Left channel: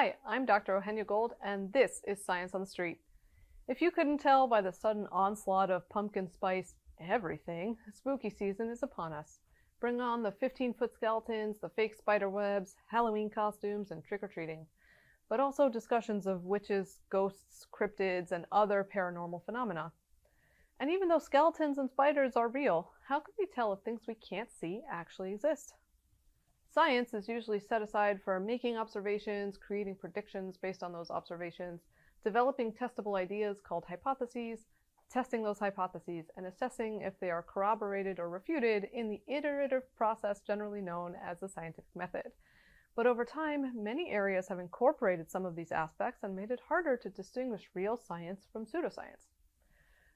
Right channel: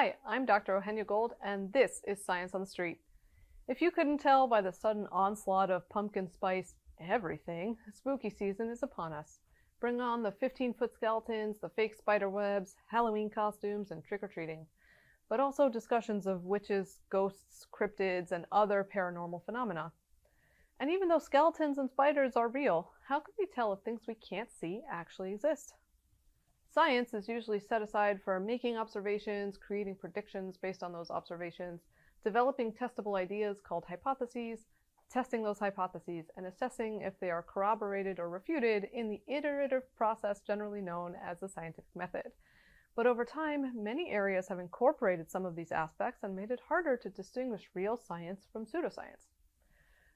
Hi, I'm Dr. Ohenia Gold, and this is Science on the Street. If you couldn't tell by the sudden onslaught of pumpkin spice everything, spooky season is upon us. Bring on the 15-foot skeletons, the fake spider webs, Halloween costumes, and trick-or-treating. But also discussions of witches, ghosts, cryptids, and other paranormal phenomena. And even though skeletons and spiders are real, how can we tell if things we can't see actually exist? Science is usually set aside for making observations, creating predictions based on those observations, developing testable ideas called hypotheses, testing those hypotheses, and assessing if they are corroborated or refuted in the iterative process generally known as the scientific method. But over time, many areas have incorporated some of these aspects and made it harder to distinguish real science from pseudoscience.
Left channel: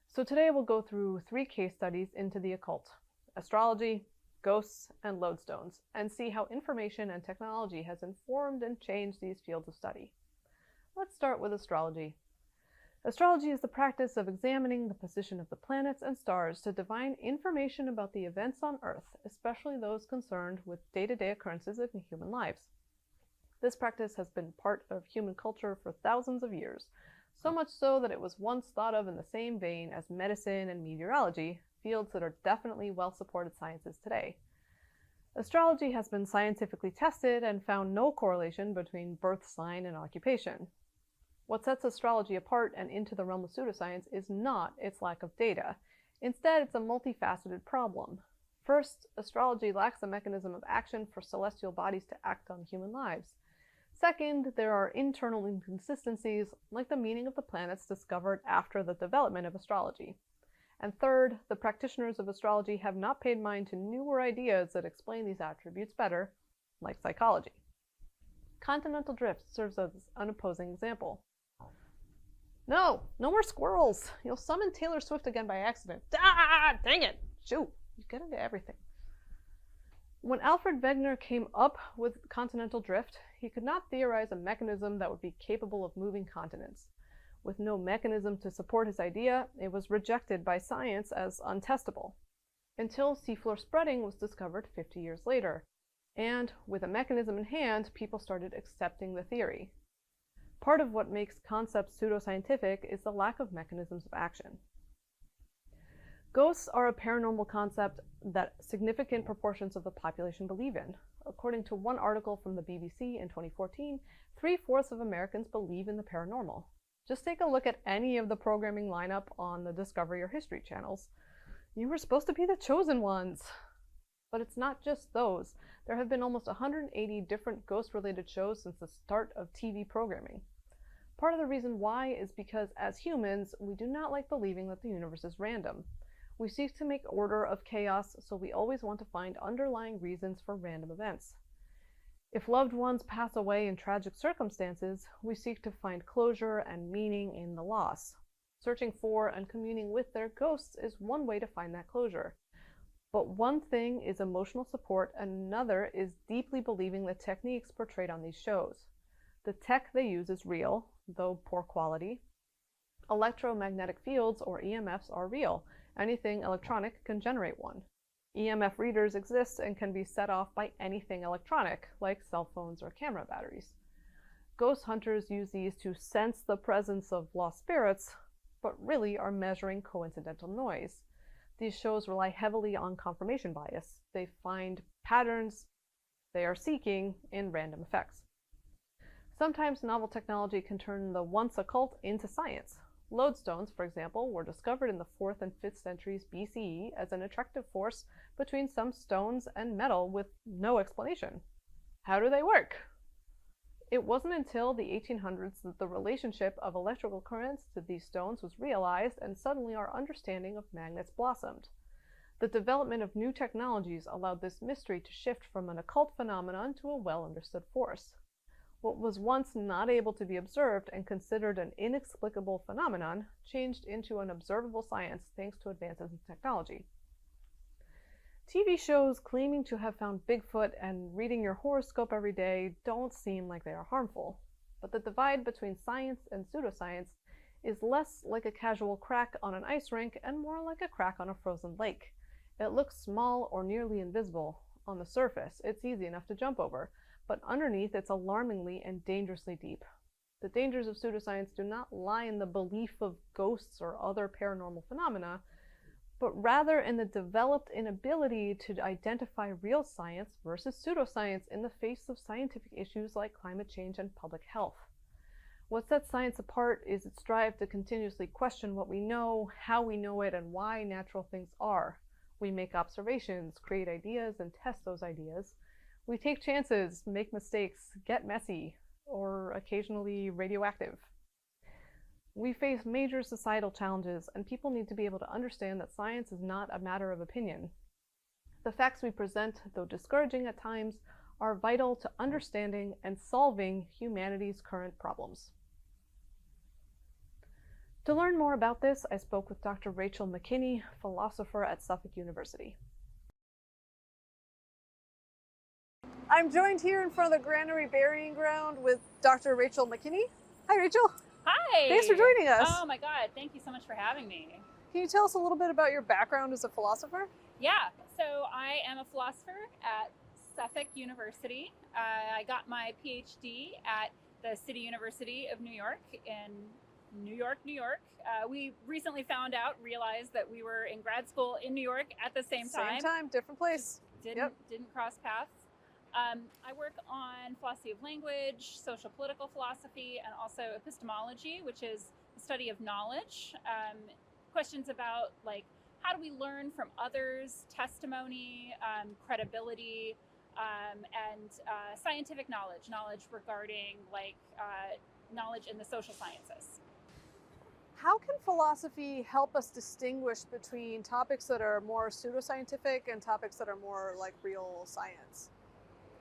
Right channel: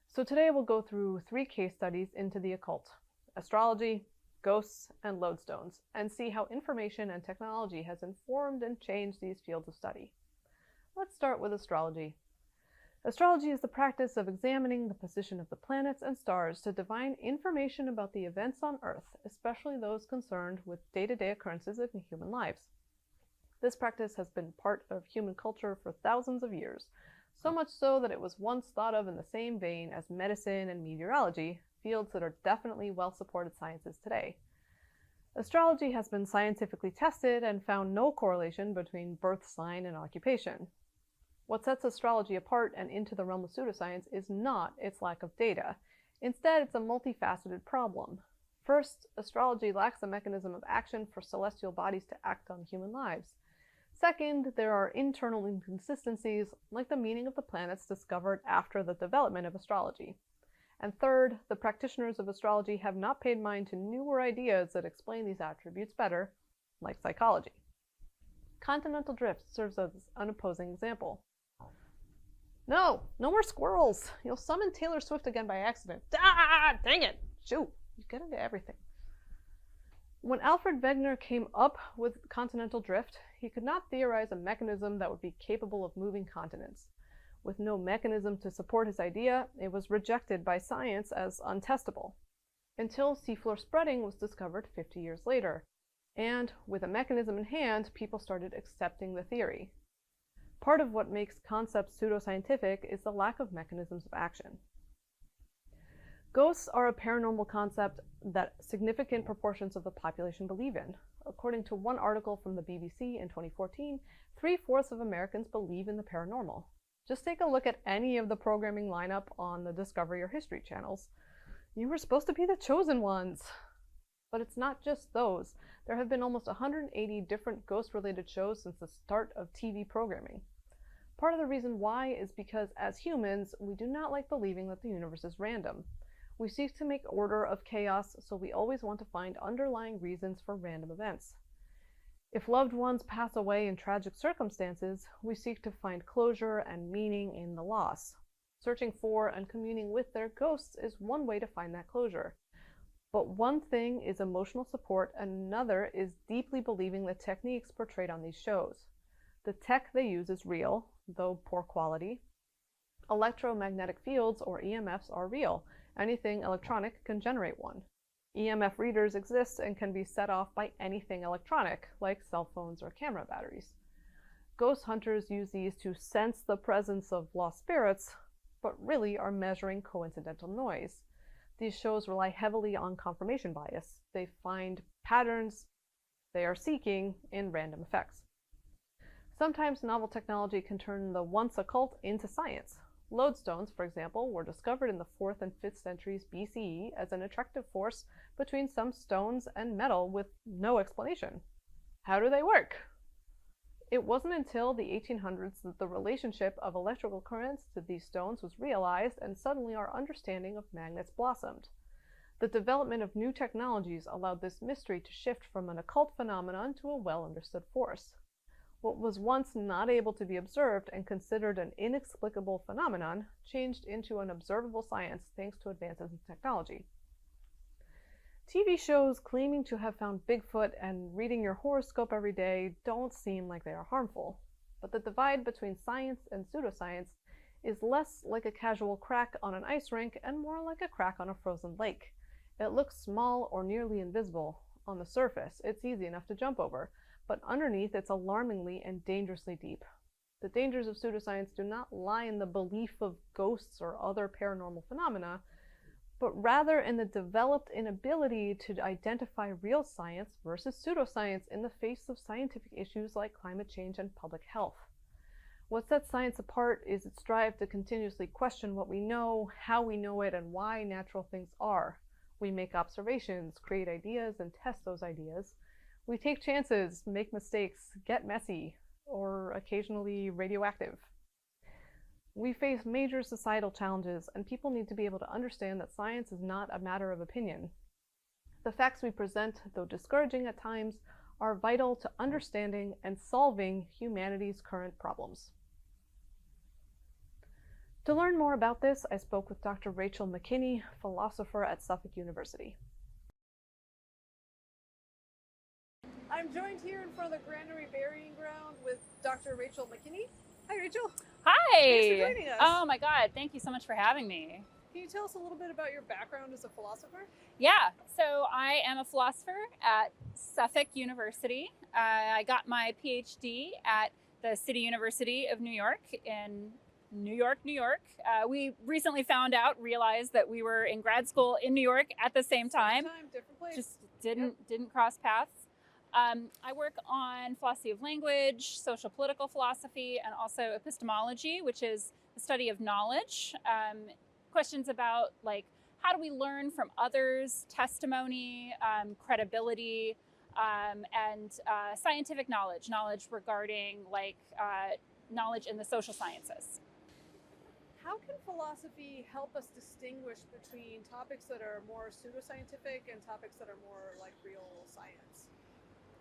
So today we'll go through 3 case studies into the occult: astrology, ghosts, and lodestones, and see how information and technology has informed and changed these fields of study. Let's start with astrology. Astrology is the practice of examining the position of the planets and stars to divine information about the events on Earth, especially those concerned with day-to-day occurrences in human lives. This practice has been part of human culture for thousands of years, so much so that it was once thought of in the same vein as medicine and meteorology, fields that are definitely well-supported sciences today. Astrology has been scientifically tested and found no correlation between birth sign and occupation. What sets astrology apart and into the realm of pseudoscience is not its lack of data. Instead, it's a multifaceted problem. First, astrology lacks a mechanism of action for celestial bodies to act on human lives. Second, there are internal inconsistencies, like the meaning of the planets discovered after the development of astrology. And third, the practitioners of astrology have not paid mind to newer ideas that explain these attributes better, like psychology. Continental drift serves as an opposing example. No more squirrels! You'll summon Taylor Swift again by accident. Ah, dang it! Shoot, you get into everything. When Alfred Wegener came up with continental drift, he could not theorize a mechanism that would be capable of moving continents. With no mechanism to support his idea, it was rejected by science as untestable, until seafloor spreading was discovered 50 years later. And with a mechanism in hand, people started accepting the theory. Part of what makes concepts pseudoscientific is the lack of mechanisms of action. Ghosts are a paranormal concept that significant proportions of the population believe in. According to one article from the BBC in 2014, 3/4 of Americans believe in the paranormal. Just take a look at any of the programming lineup on the Discovery or History channels. You were supposed to be the chosen ones. But it's not just those. There have been almost 180 different ghost-related shows since the start of TV programming. Part of the reason why is because, as humans, we do not like believing that the universe is random. We seek to make order of chaos, so we always want to find underlying reasons for random events. If loved ones pass away in tragic circumstances, we seek to find closure and meaning in the loss. Searching for and communing with their ghosts is one way to find that closure. But one thing is emotional support, and another is deeply believing the techniques portrayed on these shows. The tech they use is real, though poor quality. Electromagnetic fields, or EMFs, are real. Anything electronic can generate one. EMF readers exist and can be set off by anything electronic, like cell phones or camera batteries. Ghost hunters use these to sense the presence of lost spirits, but really are measuring coincidental noise. These shows rely heavily on confirmation bias. They find patterns they are seeking in random effects. Sometimes novel technology can turn the once occult into science. Lodestones, for example, were discovered in the 4th and 5th centuries BCE as an attractive force between some stones and metal with no explanation. How do they work? It wasn't until the 1800s that the relationship of electrical currents to these stones was realized, and suddenly our understanding of magnets blossomed. The development of new technologies allowed this mystery to shift from an occult phenomenon to a well-understood force. What was once not able to be observed and considered an inexplicable phenomenon changed into an observable science thanks to advances in technology. TV shows claiming to have found Bigfoot and reading your horoscope every day don't seem like they are harmful. But the divide between science and pseudoscience is less like a casual crack on an ice rink and more like a crack on a frozen lake. It looks small or nearly invisible. On the surface, it's easy enough to jump over. but underneath it's alarmingly and dangerously deep. The dangers of pseudoscience do not lie in the belief of ghosts or other paranormal phenomena, but rather in the developed inability to identify real science versus pseudoscience in the face of scientific issues like climate change and public health. What sets science apart is its drive to continuously question what we know, how we know it, and why natural things are. We make observations, create ideas, and test those ideas. We take chances, make mistakes, get messy, or occasionally radioactive. We face major societal challenges, and people need to be able to understand that science is not a matter of opinion. The facts we present, though discouraging at times, are vital to understanding and solving humanity's current problems. To learn more about this, I spoke with Dr. Rachel McKinney, philosopher at Suffolk University. I'm joined here in front of the Granary Burying Ground with Dr. Rachel McKinney. Hi, Rachel. Hi. Thanks for joining us. Oh my God, thank you so much for having me. Can you tell us a little bit about your background as a philosopher? Yeah, so I am a philosopher at Suffolk University. I got my PhD at the City University of New York in New York, New York. We recently realized that we were in grad school in New York at the same time. Same time, different place. Just didn't cross paths. I work on philosophy of language, social political philosophy, and also epistemology, which is the study of knowledge. Questions about like how do we learn from others, testimony, credibility, and scientific knowledge regarding like knowledge in the social sciences. How can philosophy help us distinguish between topics that are more pseudoscientific and topics that are more like real science?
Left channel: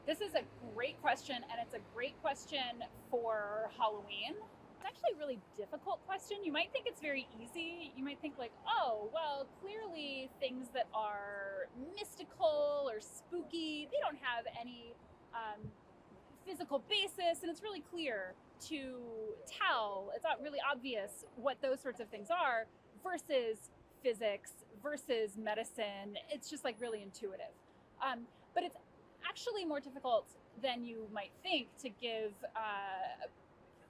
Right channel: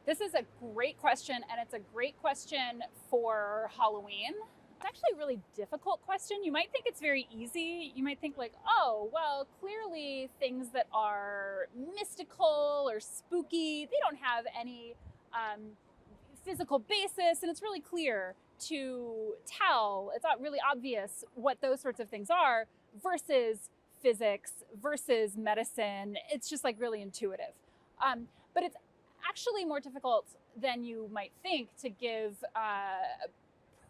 This is a great question, and it's a great question for Halloween. It's actually a really difficult question. You might think it's very easy. You might think like, oh, well, clearly things that are mystical or spooky, they don't have any physical basis, and it's really clear to tell, it's not really obvious what those sorts of things are versus physics, versus medicine. It's just like really intuitive. But it's actually more difficult than you might think to give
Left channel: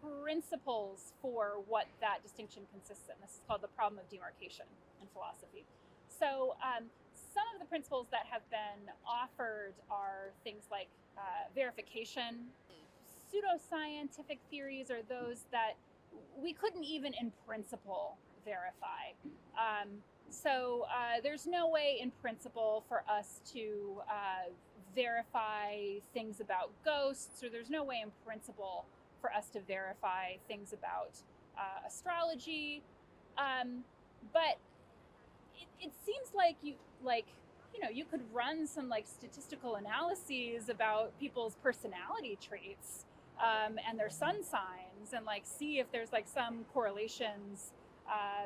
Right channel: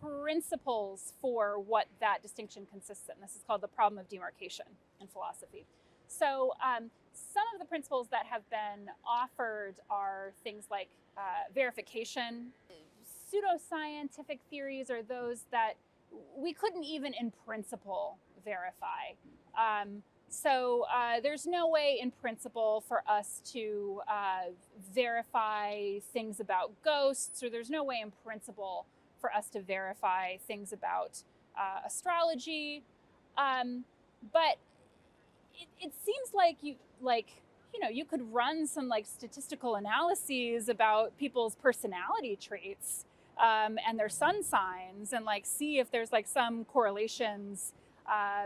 principles for what that distinction consists in. This is called the problem of demarcation in philosophy. So some of the principles that have been offered are things like verification. Pseudoscientific theories are those that we couldn't even in principle verify. So there's no way in principle for us to verify things about ghosts, or there's no way in principle for us to verify things about astrology. But it seems like you could run some like statistical analyses about people's personality traits and their sun signs, and like see if there's like some correlations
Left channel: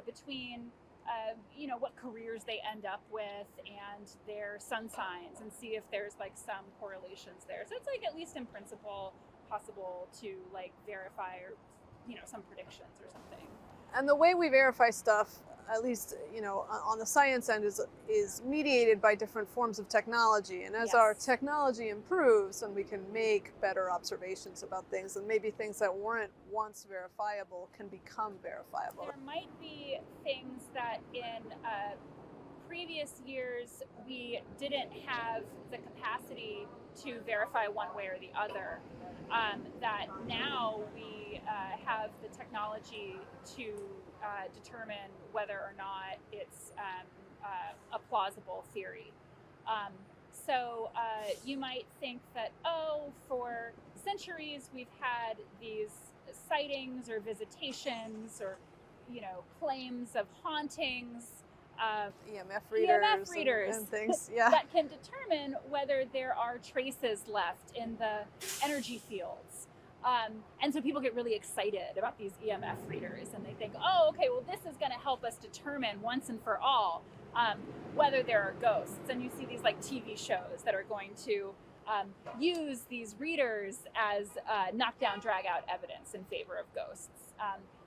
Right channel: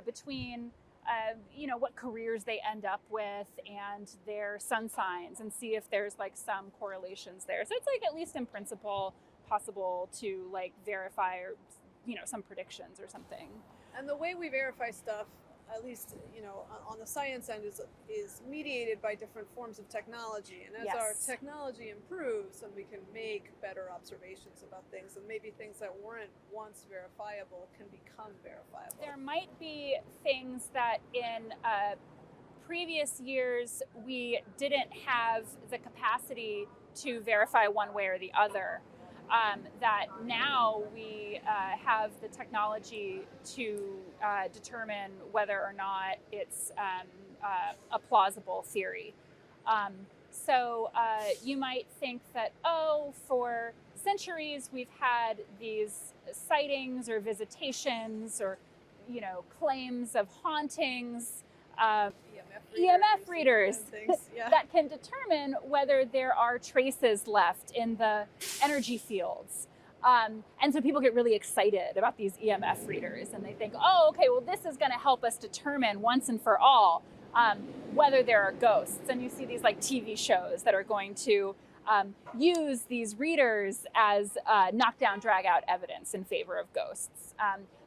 between what careers they end up with and their sun signs, and see if there's like some correlations there. So it's like at least in principle possible to like verify or some predictions or something. And the way we verify stuff, at least on the science end, is mediated by different forms of technology. And as our technology improves, and we can make better observations about things, and maybe things that weren't once verifiable can become verifiable. There might be things that in previous years we didn't have the capacity to verify one way or the other. That now we have the technology to determine whether or not it's a plausible theory. So you might think that, for centuries we've had these sightings or visitations or, claims of hauntings. EMF readers and things, that can determine whether there are traces left in the energy fields. And so people get really excited about these EMF readers, and they think, okay, well, this is going to help us determine once and for all whether there are ghosts. And you see these like TV shows that are going to use these readers as knockdown, drag out evidence in favor of ghosts.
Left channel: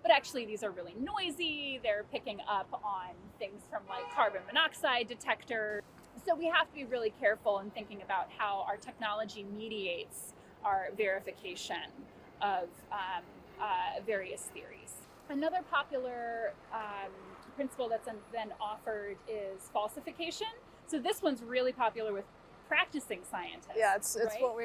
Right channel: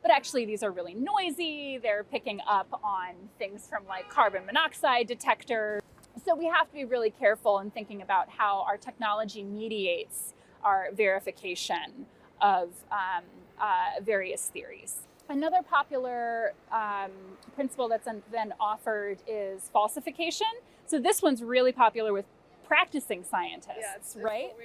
But actually, these are really noisy. They're picking up on things from like carbon monoxide detectors. So we have to be really careful in thinking about how our technology mediates our verification of various theories. Another popular principle that's then offered is falsification. So this one's really popular with practicing scientists. Yeah, it's right? what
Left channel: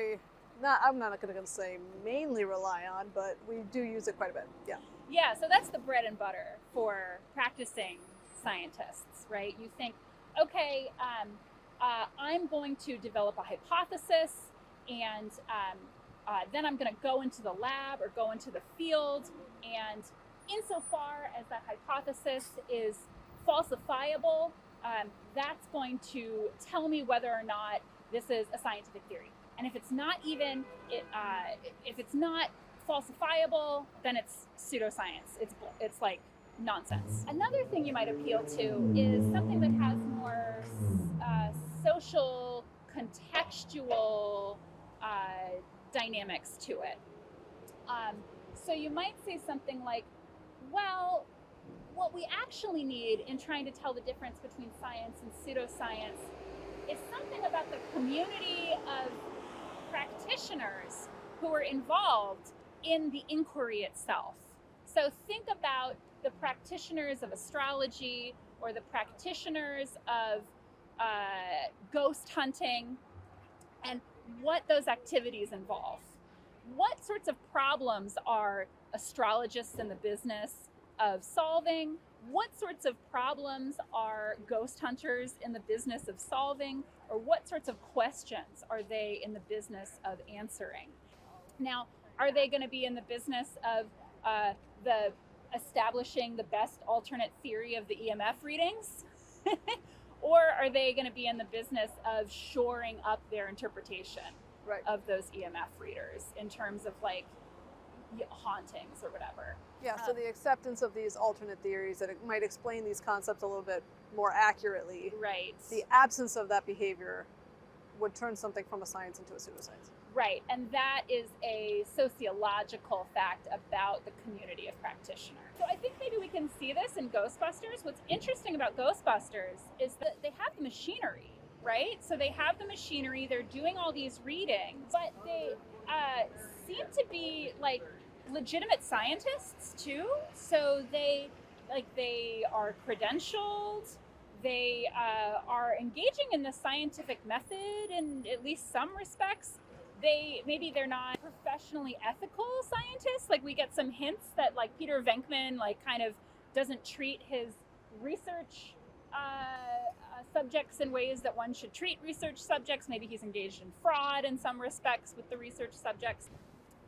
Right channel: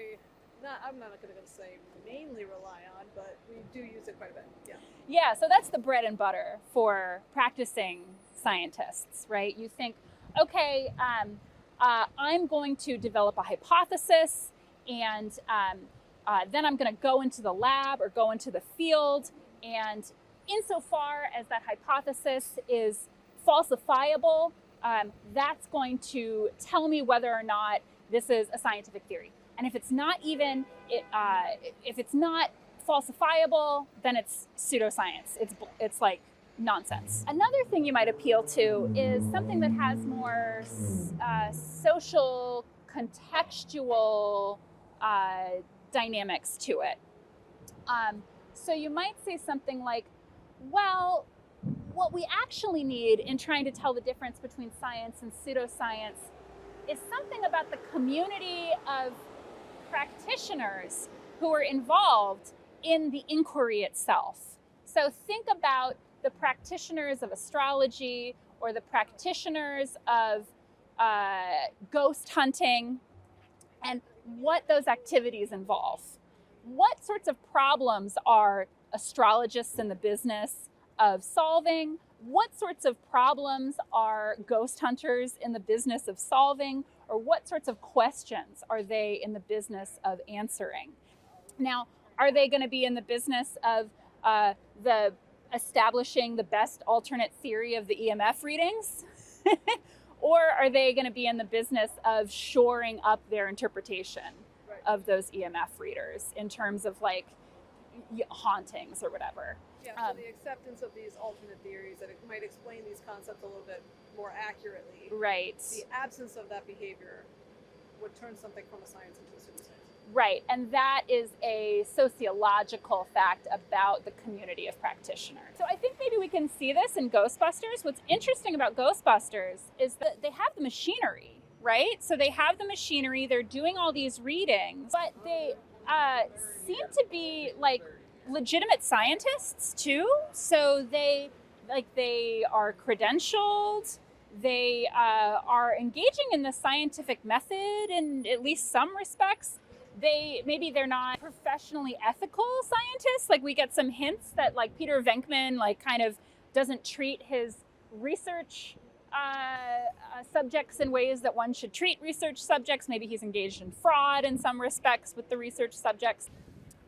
I'm not going to say mainly rely on, but we do use it quite a bit. Yeah. Yeah, so that's the bread and butter for practicing scientists, right? You think, okay, I'm going to develop a hypothesis, and then I'm going to go into the lab or go into the field, and insofar as that hypothesis is falsifiable, that's going to tell me whether or not this is a scientific theory. And if it's not if it's not falsifiable, then it's pseudoscience. It's like nonsense. Another thing you might appeal to is something that has more social, contextual dynamics to it. So you might say something like, well, what we actually need in trying to tell the difference between science and pseudoscience is something about the community of practitioners who are involved in the inquiry itself. So think about the practitioners of astrology or the practitioners of ghost hunting and what those activities involve. What sorts of problems are astrologists in the business of solving? What sorts of problems are ghost hunters in the business of solving? Or what sorts of questions are they in the business of answering? Now, are they going to be in the business of the establishing the best alternate theory of the EMF readings? Or are they going to be in the business of shoring up their interpretation of those EMF readers in terms of like hauntings or whatever? Yeah, so the acceptance of these alternate theories that it might explain these concepts a little bit more accurately. Right. The absence of that behavior would turn something from a science into a pseudoscience. Right, and that is a sociological fact about the community of practitioners. So I think maybe we can see this in Ghostbusters. What's interesting about Ghostbusters is that they have the machinery, right? So they have the machinery, they're doing all these readings, but they seem to be like legitimate scientists too. So they are credentialed, they are engaging in the scientific method in at least some respects. They're not professionally ethical scientists. Like we get some hints that like Peter Venkman like kind of doesn't treat his research subjects in ways that one should treat research subjects. Maybe he's engaged in fraud in some respects with the research subjects.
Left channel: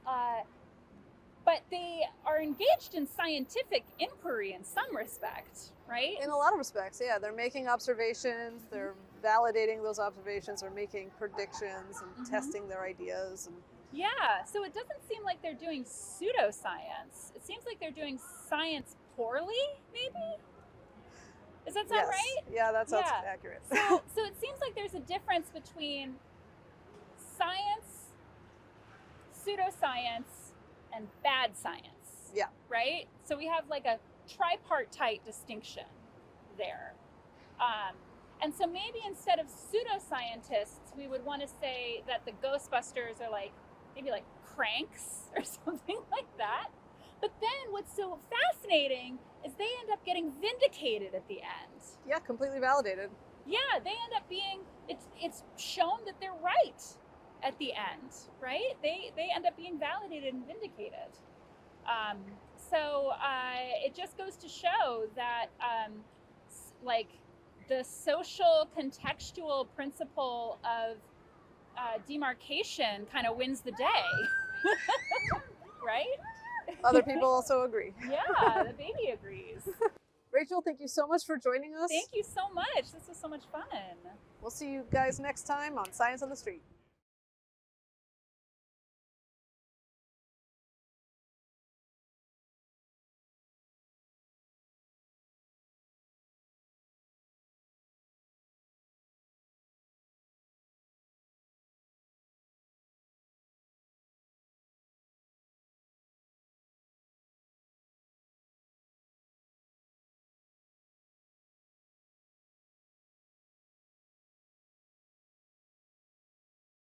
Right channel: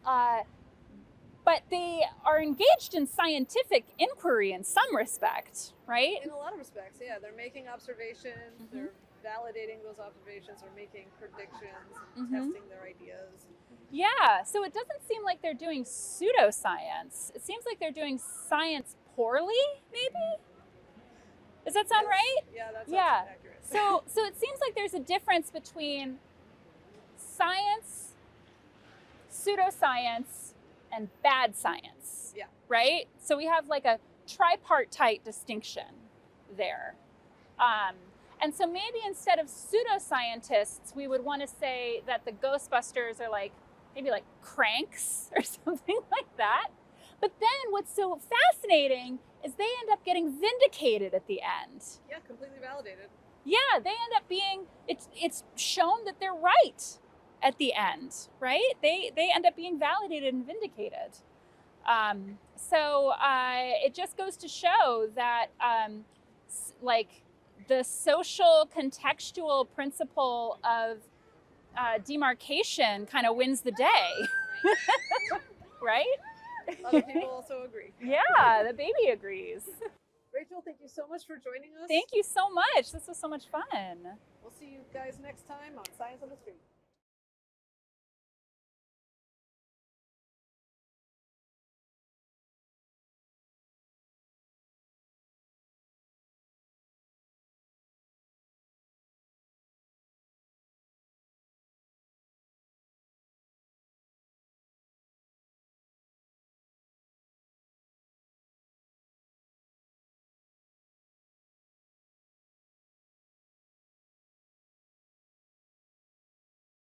But they are engaged in scientific inquiry in some respect, right? In a lot of respects, yeah. They're making observations, they're validating those observations, or making predictions and testing their ideas. Yeah, so it doesn't seem like they're doing pseudoscience. It seems like they're doing science poorly, maybe? Does that sound right? Yeah, that sounds accurate. So it seems like there's a difference between science, pseudoscience, and bad science. Yeah. Right? So we have like a tripartite distinction there. And so maybe instead of pseudoscientists, we would want to say that the Ghostbusters are like, maybe like cranks or something like that. But then what's so fascinating is they end up getting vindicated at the end. Yeah, completely validated. Yeah, they end up being, it's shown that they're right at the end, right? They end up being validated and vindicated. So it just goes to show that like the social contextual principle of demarcation kind of wins the day, right? Other people also agree. Yeah, the baby agrees. Rachel, thank you so much for joining us. Thank you so much. This was so much fun. We'll see you guys next time on Science on the Street.